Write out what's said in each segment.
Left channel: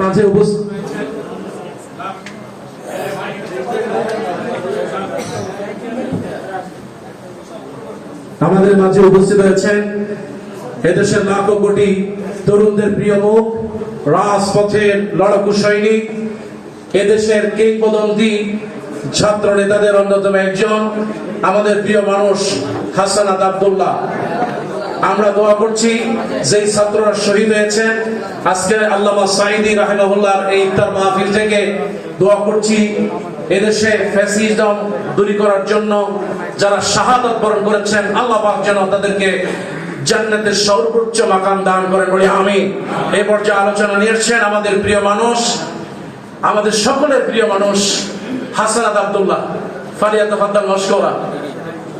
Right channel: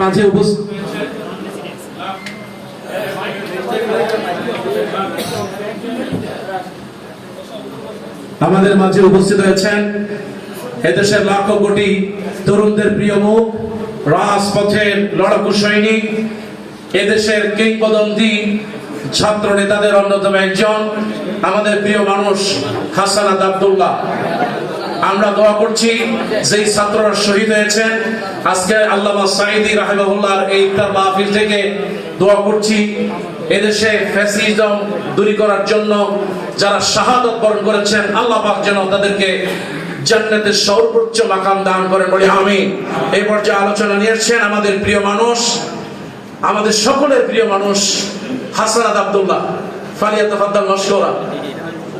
মাঝে আমাদের মাঝে উপস্থিত রয়েছেন এদেশের লাখো কোটি তরুণদের প্রিয় মুখ, রাজপথের লড়াকু সৈনিক, এদেশের কিংবদন্তি ছাত্র নেতাদের অন্যতম একজন, আমাদের প্রিয় মানুষ হাসানাত আব্দুল্লাহ। আমরা দোয়া করছি, যেই ছাত্ররা শহীদ হয়েছেন, আজকে আল্লামা সাইদি রাহিমাহুল্লাহর এই ইফতার মাহফিল থেকে দোয়া করছি, এদেশে ফ্যাসিজম দূরী করার জন্য যারা শাহাদত বরণ করেছেন, আল্লাহ পাক যেন তাদেরকে জান্নাতের সর্বোচ্চ মাকাম দান করেন বলে আমি এই পর্যায়ে আলোচনা নিয়েছেন আমাদের প্রিয় মানুষ, আমাদের সকলের প্রিয় মানুষ হাসানাত আব্দুল্লাহ ফালিয়া তাফাদ্দাল মশকরা পবিত্র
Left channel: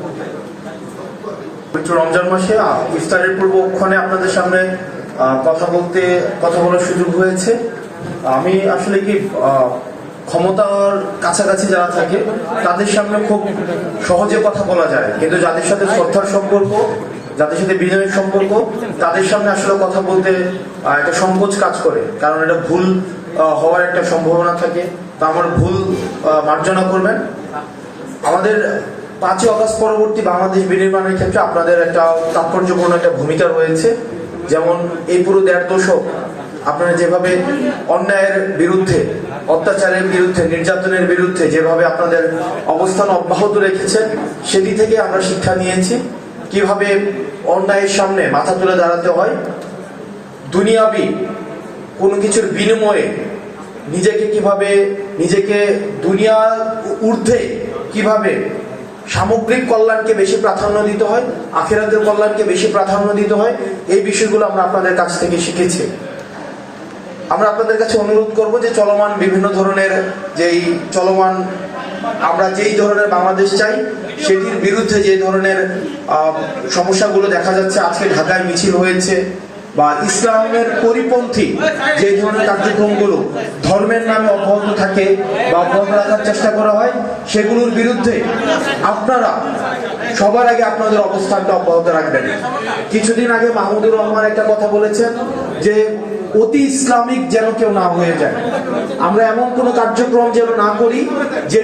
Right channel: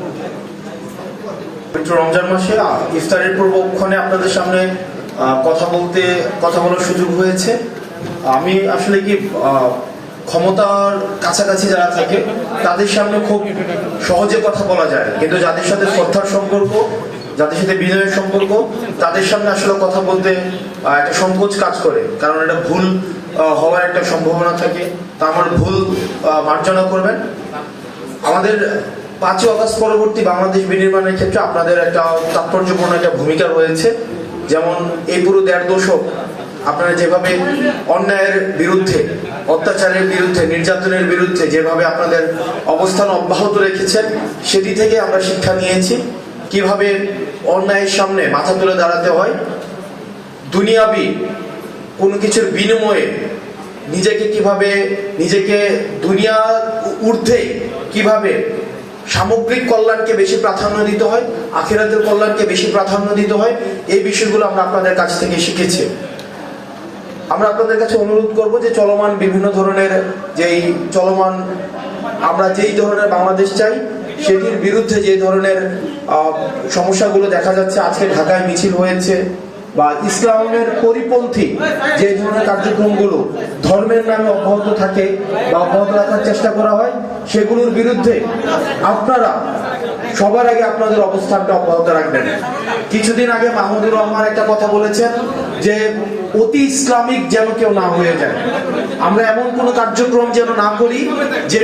রমজান মাসে ইফতারের পূর্বক্ষণে আপনাদের সামনে কথা বলতে, কথা বলার সুযোগ হয়েছে। আমি আসলে কি ক্ষমতার কাছাকাছি যারা থাকে, তাদের সামনে খুব সহজে কথা বলা যায়। কিন্তু যাদের সাথে শ্রদ্ধার সম্পর্ক, যাদের সাথে বিনয়ের সম্পর্ক, তাদের সামনে আসলে কথা বলতে একটা সংকোচ কাজ করে। কারণ এটা ভুল হওয়ার একটা সম্ভাবনা থাকে। তা আমার ভুল মার্জনা করবেন। আমাদের পাঁচই অগস্ট পরবর্তী বাংলাদেশ বিনির্মাণের ক্ষেত্রে আপনাদের একটা তাৎপর্যপূর্ণ একটা ভূমিকা রয়েছে। যেমন এই পুরো দেড় দশক আপনারা যেভাবে অন্যায়ের বিরুদ্ধে, অত্যাচারের বিরুদ্ধে, নির্যাতনের বিরুদ্ধে যেভাবে আপনাদের অবস্থান অব্যাহত রেখেছেন, সেটি থেকে আমরা শিক্ষা নিয়েছি। কীভাবে অন্যায়ের সামনে মাথা তুলে দাঁড়াতে হয়, দুনিয়াবি কোনো কিছুর বিনিময়ে নিজেকে কীভাবে, নিজেকে দুনিয়া ঊর্ধ্বে কীভাবে সামগ্রিক কল্যাণকে বেশি প্রাধান্য দিতে হয়, আখেরাতের কল্যাণকে বেশি প্রাধান্য দিতে হয়, এই বিষয়গুলো আমরা আপনাদের কাছ থেকে শিখেছি। আমরা আপনাদের কাছে অনুরোধ করব যে চলমান বিভিন্ন ধরনের যেই চলমান, আমরা যেই ধরনের বাংলাদেশ চাই, সেটির বিরুদ্ধে যে ধরনের সমস্যাগুলো দেখা যাচ্ছে, আজকে ঢাকায় মিছিল হয়েছে বা ইসলামের পরিপন্থী যে ধরনের কার্যক্রমগুলো ধর্মের নামে অব্যাহত থাকে বা অব্যাহত রাখার চেষ্টা করা হয়, সেগুলোর বিরুদ্ধে আপনারা সবার আগে আপনাদের অবস্থানটা অব্যাহত রাখবেন। কিছুদিন আগে মাহমুদুর রহমান একটা কথা বলেছেন যে অতি ইসলামিক যেন কেউ না হয়ে যায়। আমরা এমন কোনো কার্যক্রম যেন না করি যে